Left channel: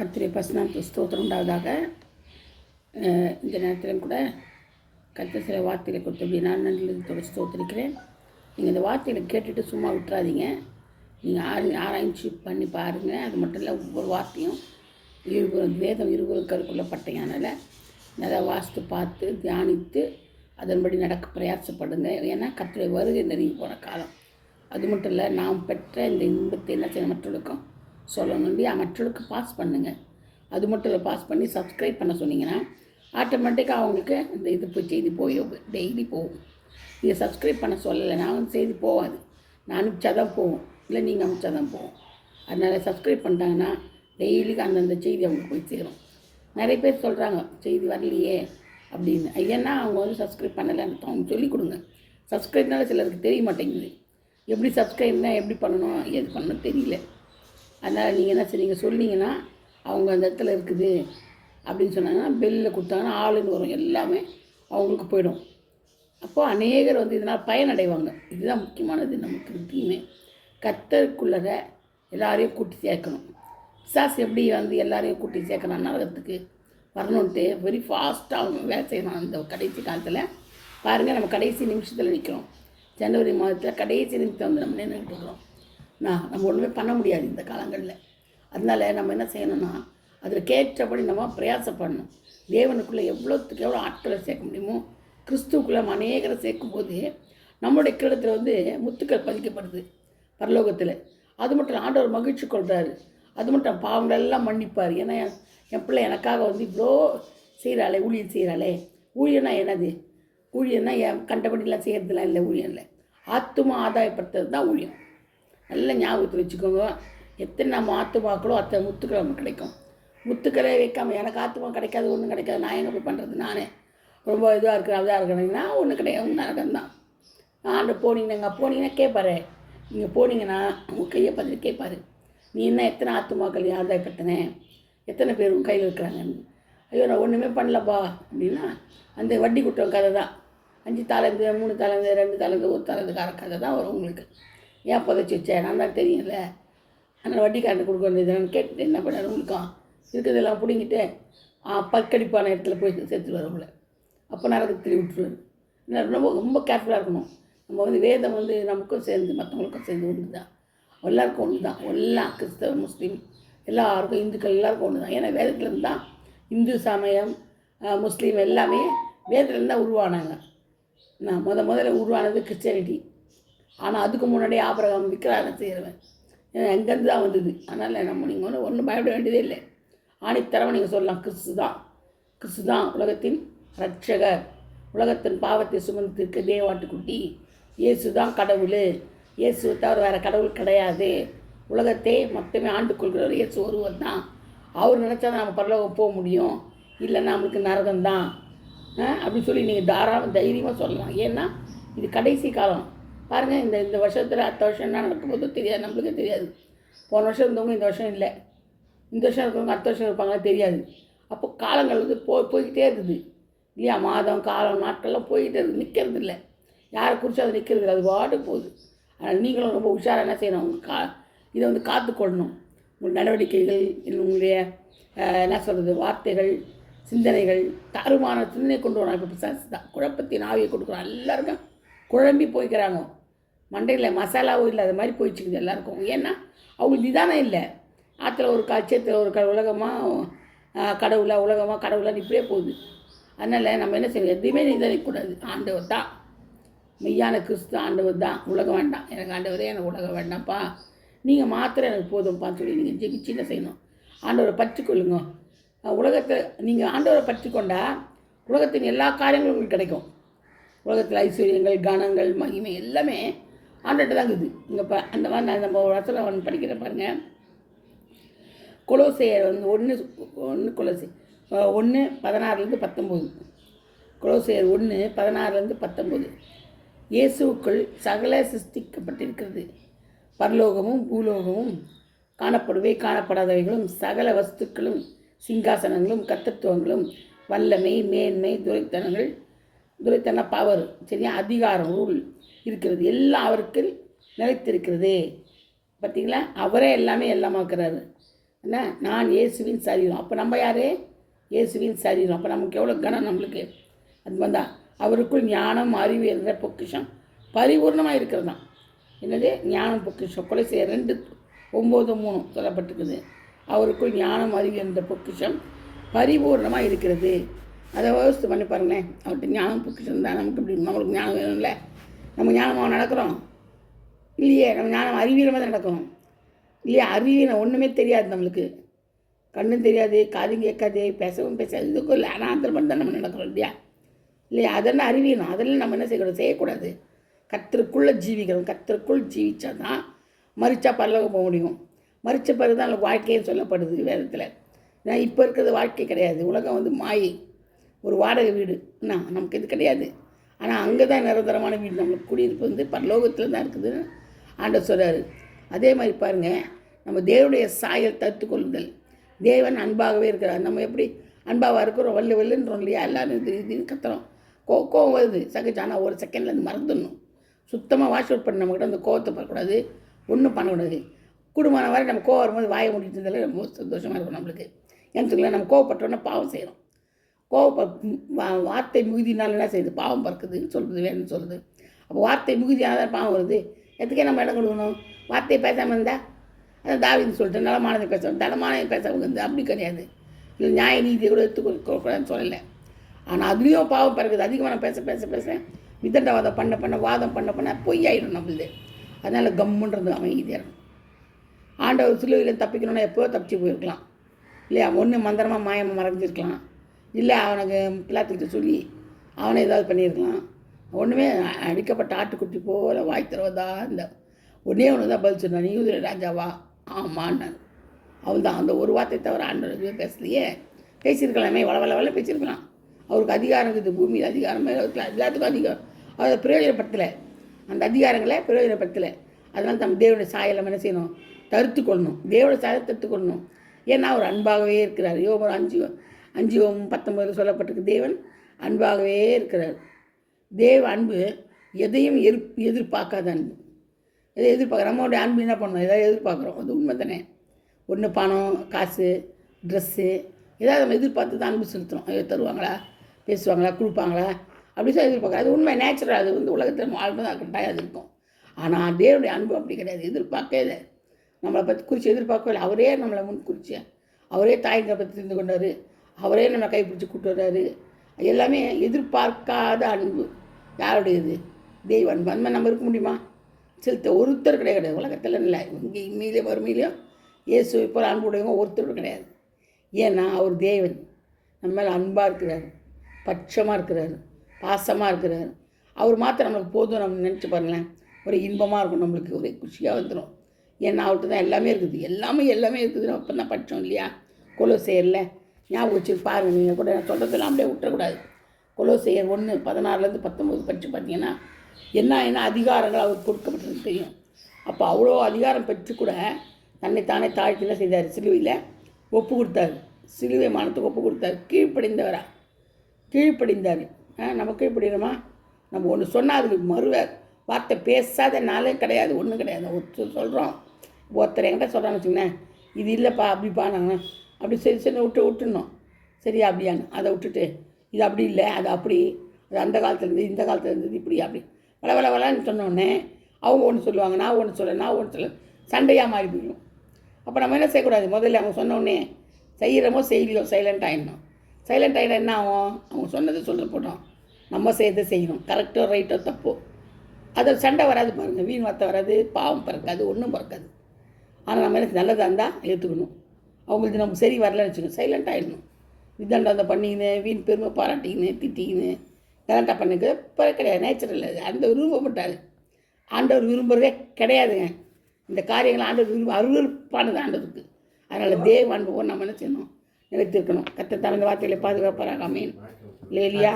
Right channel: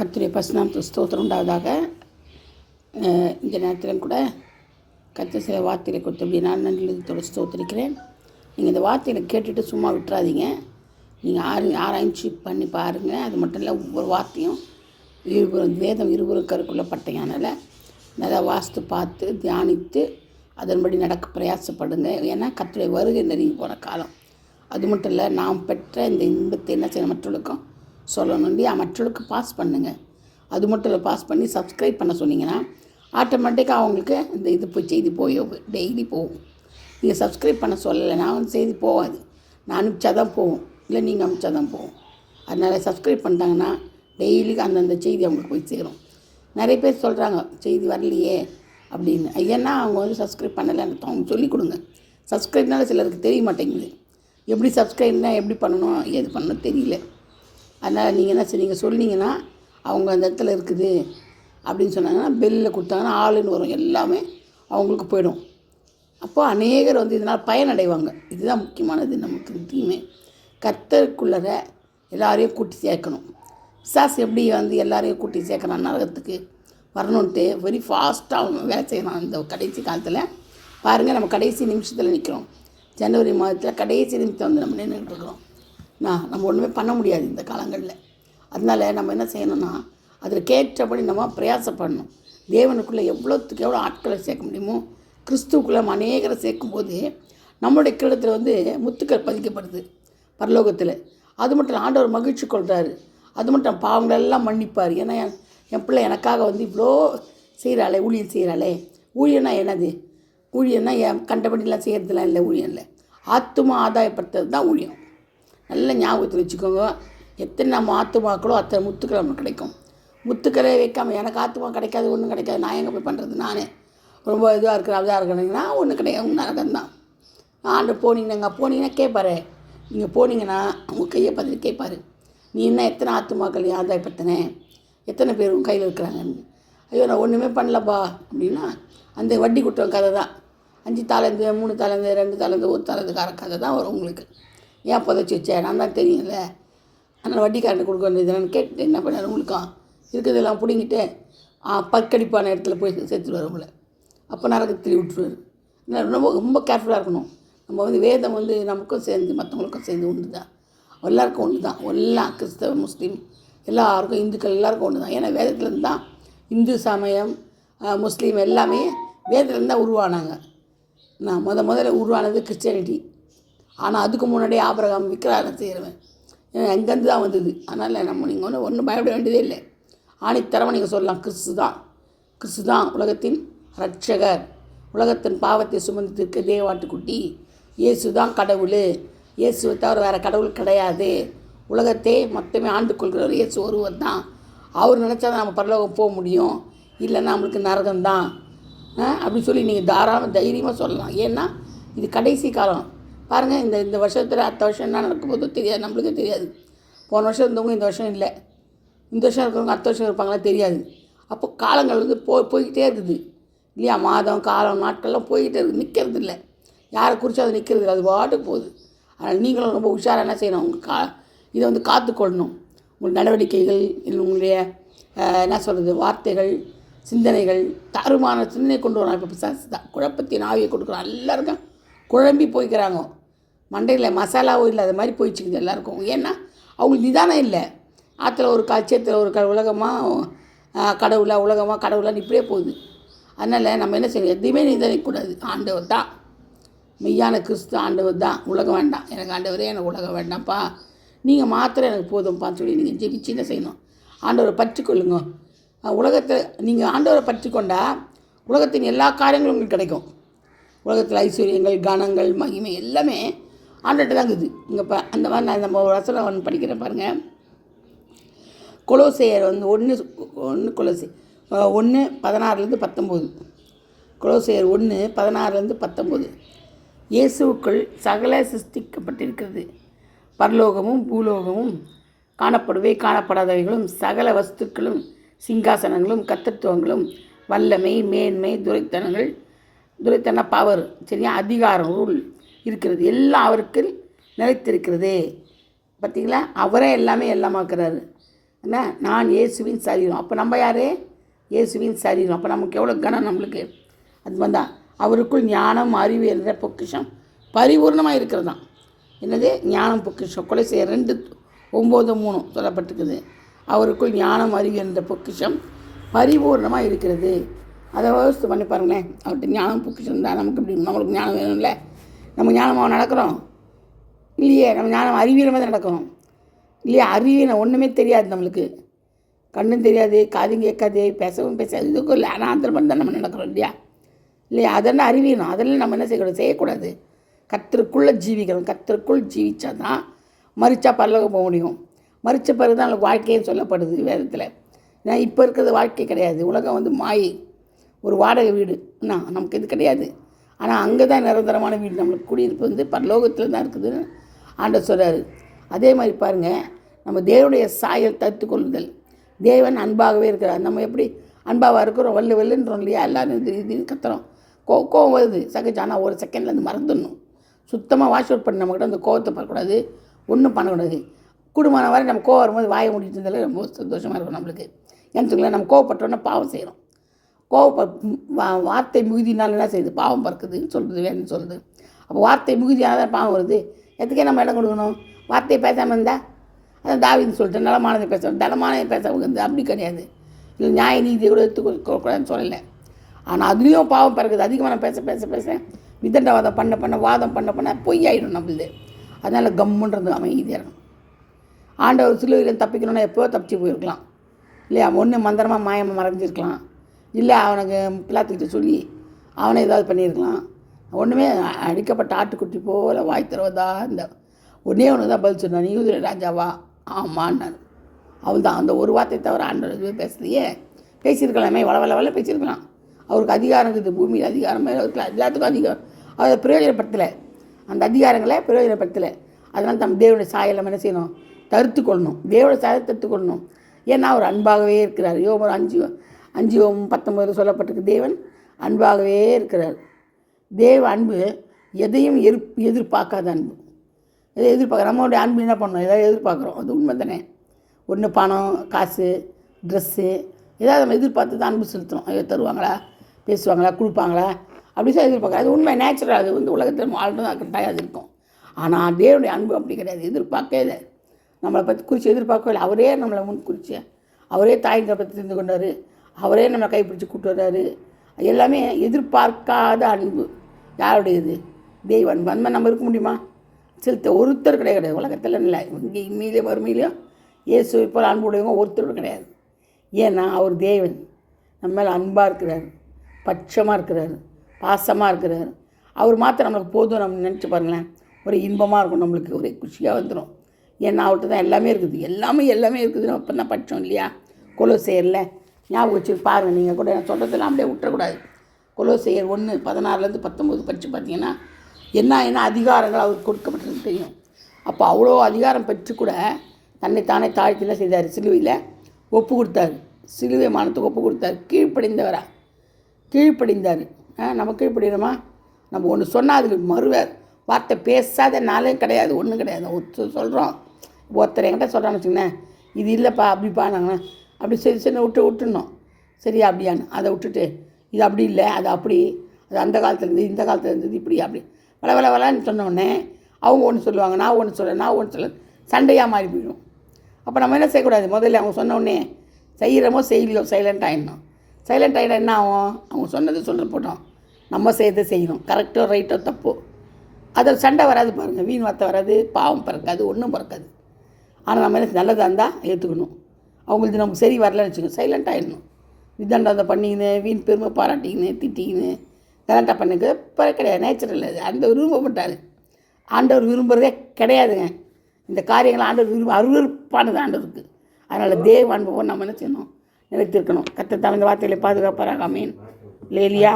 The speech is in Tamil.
கர்த்தருடைய பரிசுநாமத்துக்கு ஸ்தோத்திரம் உண்டாவதாக. இந்த நேரத்திலும் கூட கர்த்தர் சில வார்த்தைகளை கொடுத்து நான் நன்றி ஸ்தோத்திரிக்கிறேன். நீங்கள் இந்த வார்த்தைகளை கேட்டுட்டு சும்மா விட்டுறாதீங்க. நீங்கள் ஆராய்ச்சி பண்ணி பாருங்கள். அது மட்டும் இல்லை, ஒவ்வொரு வார்த்தையும் வேதம் இருவரும் கருக்குள்ள பட்டையானால நல்லா வாசித்து பார்த்து தியானித்து அதன்படி நடக்க பிரயாசப்படுங்க. ஏன்னா கர்த்தருடைய வருகை நெருங்கி போன காலம். அது மட்டும் இல்லை, நாம் பெற்ற இந்த இன்பத்தை என்ன செய்யணும், மற்றவர்களுக்கும் சொல்லணும் இல்லையா? மற்றவர்களுக்கு பாஸ் பண்ணுங்கள். அது மட்டும் இல்லை, பாஸ் பண்ணி சப்ஸ்கிரைப் பண்ண சொன்னீங்கன்னா ஆட்டோமேட்டிக்காக அவங்களுக்கு இந்த செய்தி டெய்லி போகும். நீங்கள் சப்ஸ்கிரைப் பண்ண சொல்லலைன்னா செய்தி போகாது. நான் அனுப்பிச்சா தான் போகும், இல்லை நீங்கள் அனுப்பிச்சா தான் போகும். அதனால் சப்ஸ்கிரைப் பண்ணிட்டாங்கன்னா டெய்லிக்கு அந்தந்த செய்தி அவங்களுக்கு போய் சேரும். நிறைய பேர் சொல்கிறாங்க செய்தி வரலையே அப்படின்னு. ஏன்னா அவங்க சப்ஸ்கிரைப் பண்ணலைன்னு அவங்க சொல்லிக் கொடுங்க. சப்ஸ்கிரைப்னால சிலருக்கு தெரிய மாட்டேங்குது. எப்படி சப்ஸ்கிரைப்னால் எப்படி பண்ணணும், எது பண்ணணும் தெரியல. அதனால் நீங்கள் என்ன செய்றீங்க, சொன்னீங்கன்னா அவங்க அந்த இடத்துல இருக்குது அப்படின்னு சொன்னாங்கன்னா பெல்லில் கொடுத்தாங்கன்னா ஆளுன்னு வரும், எல்லாமே அவங்களுக்கு போயிடும். அப்போது அநேகர் இதனால் பயனடைவாங்க. இதுதான் முக்கியமானது. நமக்கு தீமை கர்த்தருக்குள்ளே எல்லாரையும் கூட்டி சேர்க்கணும். பிசாசு எப்படி எல்லாரையும் கூட்டி சேர்க்கணும், நரகத்துக்கு வரணுன்ட்டு வெரி ஃபாஸ்ட்டாக அவங்க வேலை செய்யணும். இந்த கடைசி காலத்தில் பாருங்கள், நம்ம கடைசி நிமிஷத்தில் நிற்கிறோம். ஜனவரி மாதத்தில் கடைசி நிமிஷம் நம்ம நின்றுட்டு இருக்கிறோம். நம்ம ஒன்றுமே பண்ண முடியாது இந்த காலங்களில். அதனால் நம்ம என்ன செய்யணும்னா அதில் கேட்டபடி நம்ம பிரயாசப்படணும். தேவனுக்குள்ளே எவ்வளோத்துக்கு எவ்வளோ ஆட்களை சேர்க்க முடியுமோ கிறிஸ்துவுக்குள்ளே அநேகரை சேர்க்கும்போது நம்மளுடைய கிரீடத்தில் முத்துக்கள் பதிக்கப்படுது பரலோகத்தில். அது மட்டும் இல்லை, ஆண்டவர் மகிழ்ச்சி கொள்கிறாரு. அது மட்டும் பாவங்களெல்லாம் மன்னிப்பார். ஏன்னா என் பிள்ளை எனக்காக இவ்வளோ செய்கிறாளே, ஊழியம் செய்கிறாளே. ஊழியன்னா என்னது? ஊழியன்னா என் கண்டபடிலாம் செய்கிறதுலாம் இல்லை. ஊழியம் இல்லை, ஆத்துமா ஆதாயப்படுத்துறது தான் ஊழியம். நல்ல ஞாபகத்தில் வச்சுக்கோங்க. எத்தனை நம்ம ஆத்துமாக்களோ அத்தனை முத்துக்கள் நமக்கு கிடைக்கும். முத்துக்களே வைக்காமல் எனக்கு ஆத்துமா கிடைக்காது, ஒன்றும் கிடைக்காது, நான் எங்கே போய் பண்ணுறது, நானே ரொம்ப இதாக இருக்கிறேன்னா ஒன்றும் கிடையாது, நரகம்தான். ஆண்டு போனீங்கன்னா கேட்பாரு. நீங்கள் போனீங்கன்னா உங்கள் கையை பார்த்துட்டு கேட்பாரு, நீ என்ன எத்தனை ஆத்துமாக்கள் ஆதாயப்படுத்தினேன், எத்தனை பேர் உங்கள் கையில் இருக்கிறாங்க. ஐயோ நான் ஒன்றுமே பண்ணலப்பா அப்படின்னா அந்த வட்டி குற்றம் கதை தான். 5 தாளந்து 3 தாளந்து 2 தாளந்து 1 தாளந்துக்கார கதை தான் வரும் உங்களுக்கு. ஏன் புதைச்சி வச்சேன் நான் தான் தெரியும்ல. ஆனால் வட்டிக்காரன் கொடுக்க வேண்டியதுன்னு கேட்டுட்டு என்ன பண்ணார், உங்களுக்கும் இருக்கிறதெல்லாம் பிடிங்கிட்டு பற்கடிப்பான இடத்துல போய் சேர்த்துட்டு வரவங்கள. அப்போ நரகத்தில் விட்டுருவார். ரொம்ப ரொம்ப கேர்ஃபுல்லாக இருக்கணும். நம்ம வேதம் நமக்கும் சேர்ந்து மற்றவங்களுக்கும் சேர்ந்து ஒன்று தான், எல்லாருக்கும் ஒன்று தான். எல்லாம் கிறிஸ்தவ முஸ்லீம் எல்லாருக்கும், இந்துக்கள் எல்லாருக்கும் ஒன்று தான். ஏன்னா வேதத்துலேருந்து தான் இந்து சமயம் முஸ்லீம் எல்லாமே வேதத்துலேருந்து தான் உருவானாங்க. முதல்ல உருவானது கிறிஸ்டியானிட்டி. ஆனால் அதுக்கு முன்னாடியே ஆபிரகாம் விக்கிரகம் செய்கிறவன் எங்கேருந்து தான் வந்தது. அதனால் நீங்கள் ஒன்றும் பயப்பட வேண்டியதே இல்லை. ஆணித்தரமாக நீங்கள் சொல்லலாம், கிறிஸ்து தான் உலகத்தின் ரட்சகர், உலகத்தின் பாவத்தை சுமந்திருக்க தேவாட்டுக்குட்டி, இயேசு தான் கடவுள், இயேசுவை தவிர வேறு கடவுள் கிடையாது, உலகத்தை மொத்தமே ஆண்டு கொள்கிறவர் இயேசு ஒருவர் தான், அவர் நினச்சா தான் நம்ம பரலோகம் போக முடியும், இல்லைன்னா நம்மளுக்கு நரகம்தான் அப்படின்னு சொல்லி நீங்கள் தைரியமாக சொல்லலாம். ஏன்னா இது கடைசி காலம். பாருங்கள், இந்த வருஷத்தில் அடுத்த வருஷம் என்ன நடக்கும்போது தெரியாது, நம்மளுக்கு தெரியாது. போன வருஷம் இருந்தவங்க இந்த வருஷம் இல்லை, இந்த வருஷம் இருக்கிறவங்க அடுத்த வருஷம் இருப்பாங்களா தெரியாது. அப்போ காலங்கள் போய்கிட்டே இருக்குது இல்லையா? மாதம் காலம் நாட்கள்லாம் போய்கிட்டே இருக்குது, நிற்கிறது இல்லை. யாரை குறித்து அது நிற்கிறது இல்லை, அது பாட்டுக்கு போகுது. அதனால் நீங்களும் ரொம்ப உஷாராக என்ன செய்யணும், உங்கள் இதை காத்துக்கொள்ளணும். உங்கள் நடவடிக்கைகள், இல்லை உங்களுடைய என்ன சொல்கிறது, வார்த்தைகள், சிந்தனைகள், தருமான சிந்தனை கொண்டு வரான். இப்போ பிசாசு தான் குழப்பத்தின் ஆவியை கொடுக்குறான். எல்லாருக்கும் குழம்பி போய்க்கிறாங்க. மண்டையில் மசாலாவும் இல்லை, அது மாதிரி போயிடுச்சுக்குது எல்லாருக்கும். ஏன்னா அவங்களுக்கு நிதானம் இல்லை. ஆற்றுல ஒரு சேத்துல ஒரு உலகமாக கடவுளான்னு இப்படியே போகுது. அதனால் நம்ம என்ன செய்யணும், எதுவுமே நிதானிக்கக்கூடாது. ஆண்டவர் தான் மெய்யான கிறிஸ்து, ஆண்டவர் தான். உலகம் வேண்டாம் எனக்கு, ஆண்டவரே எனக்கு உலகம் வேண்டாம்ப்பா, நீங்கள் மாத்திரம் எனக்கு போதும்ப்பான்னு சொல்லி நீங்கள் ஜெபிச்சு என்ன செய்யணும், ஆண்டவரை பற்றி கொள்ளுங்க. உலகத்தை நீங்கள் ஆண்டவரை பற்றி கொண்டால் உலகத்தின் எல்லா காரியங்களும் உங்களுக்கு கிடைக்கும். உலகத்தில் ஐஸ்வர்யங்கள், கணங்கள், மகிமை எல்லாமே ஆண்டவர்கிட்ட தான் இருக்குது. இங்கே அந்த மாதிரி நான் நம்ம ஒரு வசனம் படிக்கிறேன் பாருங்கள். கொலோசையர் 1:16-19. கொலோசையர் 1:16-19. இயேசுவுக்குள் சகல சிருஷ்டிக்கப்பட்டிருக்கிறது, பரலோகமும் பூலோகமும், காணப்படாதவைகளும், சகல வஸ்துக்களும், சிங்காசனங்களும், கர்த்தத்துவங்களும், வல்லமை, மேன்மை, துரைத்தன பவர், சரியா, அதிகாரம், ரூல் இருக்கிறது, எல்லாம் அவருக்கு நிலைத்திருக்கிறது. பார்த்திங்களா? அவரே எல்லாமே எல்லாமாக்குறாரு. என்ன, நான் இயேசுவின் சரீரம். அப்போ நம்ம யார்? இயேசுவின் சரீரம். அப்போ நமக்கு எவ்வளோ கனம் நம்மளுக்கு. அது வந்தால் அவருக்குள் ஞானம் அறிவு என்ற பொக்கிஷம் பரிபூர்ணமாக இருக்கிறது தான். என்னது? ஞானம் பொக்கிஷம். கொலோசியர் 2:9-3 சொல்லப்பட்டிருக்குது. அவருக்குள் ஞானம் அறிவு என்ற பொக்கிஷம் பரிபூர்ணமாக இருக்கிறது. அதை யோசித்து பண்ணி பாருங்களேன். அவர்கிட்ட ஞானம் பொக்கிஷம் தான். நமக்கு இப்படி நம்மளுக்கு ஞானம் வேணும்ல. நம்ம ஞானமாக நடக்கிறோம் இல்லையே? நம்ம ஞானம் அறிவியலமாக தான் நடக்கிறோம் இல்லையா? அறிவியல் ஒன்றுமே தெரியாது நம்மளுக்கு. கண்ணும் தெரியாது, காதும் கேட்காது, பேசவும் பேசாது, இதுக்கும் இல்லை. ஆனால் அந்த மாதிரி தான் நம்ம நடக்கிறோம் இல்லையா? இல்லையா? அதெல்லாம் அறிவியணும். அதெல்லாம் நம்ம என்ன செய்யக்கூடாது? கர்த்தருக்குள்ளே ஜீவிக்கிறோம். கர்த்தருக்குள் ஜீவிச்சா தான் மரிச்சா பரலோகம் போக முடியும். மரித்த பிறகு தான் நமக்கு வாழ்க்கைன்னு சொல்லப்படுது வேதத்தில். ஏன்னா இப்போ இருக்கிறது வாழ்க்கை கிடையாது. உலகம் மாயை, ஒரு வாடகை வீடு. என்ன, நமக்கு இது கிடையாது. ஆனால் அங்கே தான் நிரந்தரமான வீடு. நம்மளுக்கு குடியிருப்பு பரலோகத்தில் தான் இருக்குதுன்னு ஆண்டவர் சொல்கிறாரு. அதே மாதிரி பாருங்கள், நம்ம தேவனுடைய சாயல் தத்து கொள்ளுதல். தேவன் அன்பாகவே இருக்கிறார். நம்ம எப்படி அன்பாக இருக்கிறோம்? வெள்ளுன்றோம் இல்லையா? எல்லாரும் இதுன்னு கத்துறோம். கோவம் வருது சகஜம். ஆனால் ஒரு செகண்டில் அது மறந்துடணும். சுத்தமாக வாஷ் அவுட் பண்ணி நம்மக்கிட்ட அந்த கோவத்தை படக்கூடாது, ஒன்றும் பண்ணக்கூடாது. குடும்பமான வரை நம்ம கோவம் வரும்போது வாயை முடிட்டு இருந்தாலே ரொம்ப சந்தோஷமாக இருக்கும் நம்மளுக்கு. ஏன்னு நம்ம கோவப்பட்டோன்னா பாவம் செய்கிறோம். வார்த்தை மிகுதினால என்ன செய்யுது? பாவம் பறக்குதுன்னு சொல்கிறது வேணும்னு சொல்லுது. அப்போ வார்த்தை மிகுதியால் தான் பாவம் வருது. எதுக்கே நம்ம இடம் கொடுக்கணும்? வார்த்தையை பேசாமல் இருந்தால் அதான் தாவீது சொல்லிட்டு நலமானதை பேச தனமானதை பேச அப்படி கிடையாது. இல்லை நியாய நீதியை கூட எடுத்துக்கூடாதுன்னு சொல்லலை. ஆனால் அதுலேயும் பாவம் பறக்குது. அதிகமாக பேச பேச பேச விதண்டவாதம் பண்ண வாதம் பண்ண பொய்யாயிடும் நம்மளுது. அதனால் கம்முன்றது அமைதியாக இருக்கும். ஆண்டவர் சிலுவையில் தப்பிக்கணும்னா எப்போ தப்பிச்சு போயிருக்கலாம் இல்லையா? ஒன்று மந்திரமாக மாயமாக மறைஞ்சிருக்கலாம், இல்லை அவனுக்கு பிள்ளாத்துக்கிட்ட சொல்லி அவனை ஏதாவது பண்ணியிருக்கலாம். ஒன்றுமே அடிக்கப்பட்ட ஆட்டுக்குட்டி போல் வாய் தருவதா இந்த ஒன்றே ஒன்று தான் பதில் சொன்னான். யூத ராஜாவா? ஆமான்னாரு. அவன் தான் அந்த ஒரு வார்த்தை தவிர ஆண்டவர் பேசலையே. பேசியிருக்கலாமே, வள பேசியிருக்கலாம். அவருக்கு அதிகாரம் இருக்குது, பூமியில் அதிகாரமே இருக்கலாம், எல்லாத்துக்கும் அதிகாரம். அதை பிரயோஜனப்படுத்தலை, அந்த அதிகாரங்களை பிரயோஜனப்படுத்தலை. அதனால் நம்ம தேவனுடைய சாயலை என்ன செய்யணும்? தடுத்து கொள்ளணும். தேவனுடைய சாயலை தடுத்து கொள்ளணும். ஏன்னா அவர் அன்பாகவே இருக்கிறார். யோபு 5:19 சொல்லப்பட்டிருக்கு. தேவன் அன்பாகவே இருக்கிறார். தேவ அன்பு எதையும் எதிர்பார்க்காத அன்பு. எதை எதிர்பார்க்குற? நம்மளுடைய அன்பு என்ன பண்ணணும்? எதாவது எதிர்பார்க்குறோம், அது உண்மை தானே. ஒன்று பணம், காசு, ட்ரெஸ்ஸு, ஏதாவது நம்ம எதிர்பார்த்து தான் அன்பு செலுத்துகிறோம். ஐயோ தருவாங்களா, பேசுவாங்களா, கொடுப்பாங்களா, அப்படி தான் எதிர்பார்க்குறோம். அது உண்மை, நேச்சுரல். அது உலகத்தில் வாழ்றதா கட்டாயம் அது இருக்கும். ஆனால் தேவனுடைய அன்பு அப்படி கிடையாது. எதிர்பார்க்கவே இல்லை. நம்மளை பற்றி குறித்து எதிர்பார்க்கவே இல்லை. அவரே நம்மளை முன் குறித்து, அவரே தாய்களை பற்றி தெரிந்து கொண்டார், அவரே நம்மளை கைப்பிடிச்சி கூப்பிட்டு வர்றாரு. எல்லாமே எதிர்பார்க்காத அன்பு. யாருடையது? தெய்வ அன்பு. அந்த மாதிரி நம்ம இருக்க முடியுமா? செலுத்த ஒருத்தர் கிடையாது உலகத்தில். இல்லை, இங்கே இம்மையிலே வறுமையிலையும் இயேசு இப்போ அன்புடையவங்க ஒருத்தர் கிடையாது. ஏன்னா அவர் தேவன், நம்ம மேலே அன்பாக இருக்கிறார், பட்சமாக இருக்கிறார், பாசமாக இருக்கிறார். அவர் மாத்திரம் நம்மளுக்கு போதும். நம்ம நினச்சி பாருங்களேன், ஒரு இன்பமாக இருக்கும், நம்மளுக்கு ஒரே குஷியாக வந்துடும். ஏன்னா அவர்கிட்ட தான் எல்லாமே இருக்குது. எல்லாமே இருக்குதுன்னு அப்போ தான் படித்தோம் இல்லையா? கொலோசையரில் ஞாபகம் வச்சு பாருங்கள். நீங்கள் கூட சொல்கிறதெல்லாம் அப்படியே விட்டுறக்கூடாது. கொலோசையர் 1:16-19 படித்து பார்த்தீங்கன்னா என்ன அதிகாரங்கள் அவருக்கு கொடுக்கப்பட்டது தெரியும். அப்போ அவ்வளோ அதிகாரம் பெற்று கூட தன்னைத்தானே தாழ்த்தில செய்தார். சிலுவையில் ஒப்பு கொடுத்தார். சிலுவை மானத்துக்கு ஒப்பு கொடுத்தார். கீழ்ப்படிந்தார். நம்ம கீழ்ப்படினோமா? நம்ம ஒன்று சொன்னால் அதுக்கு வார்த்தை பேசாத நாளே கிடையாது, ஒன்றும் கிடையாது. சொல்கிறோம், ஒருத்தர் என்கிட்ட சொல்கிறான்னு வச்சுக்கோங்களேன், இது இல்லைப்பா அப்படிப்பா, நாங்கள் அப்படி சரி விட்டுணும். சரியா அப்படியான்னு அதை விட்டுட்டு இது அப்படி இல்லை, அது அப்படி, அது அந்த காலத்தில் இருந்தது, இந்த காலத்தில் இருந்தது, இப்படி அப்படி வளன்னு சொன்னோடனே அவங்க ஒன்று சொல்லுவாங்க, நான் ஒன்று சொல்ல சண்டையாக மாறி போயிடும். அப்போ நம்ம என்ன செய்யக்கூடாது? முதல்ல அவங்க சொன்னோடனே செய்கிறோமோ செய்யலையோ சைலண்ட் ஆகிடணும். சைலண்ட் ஆகிட என்ன ஆகும்? அவங்க சொன்னதை சொல்ல போட்டோம், நம்ம செய்யறதை செய்யணும். கரெக்டோ ரைட்டோ தப்போ அதில் சண்டை வராது பாருங்கள். வீண் வார்த்தை வராது, பாவம் பறக்காது, ஒன்றும் பறக்காது. ஆனால் நம்ம என்ன நல்லதாக இருந்தால் ஏற்றுக்கணும். அவங்களுக்கு நம்ம சரி வரலன்னு வச்சுக்கணும், சைலண்ட் ஆகிடணும். விதண்டை பண்ணிக்கின்னு, வீண் பெருமை பாராட்டிக்கின்னு, திட்டிக்கின்னு கரெக்டாக பண்ணுங்க கிடையாது. நேச்சுரல் அது. ஆண்டவர் விரும்பப்பட்டார். ஆண்டவர் விரும்புகிறதே கிடையாதுங்க இந்த காரியங்கள். ஆண்டவர் அருவருப்பானது ஆண்டவருக்கு. அதனால் தேவ அனுபவம் நம்ம என்ன செய்யணும்? நிலைத்திருக்கணும். கர்த்தர் இந்த வார்த்தைகளை பாதுகாப்பாராக. ஆமென். லேலியா.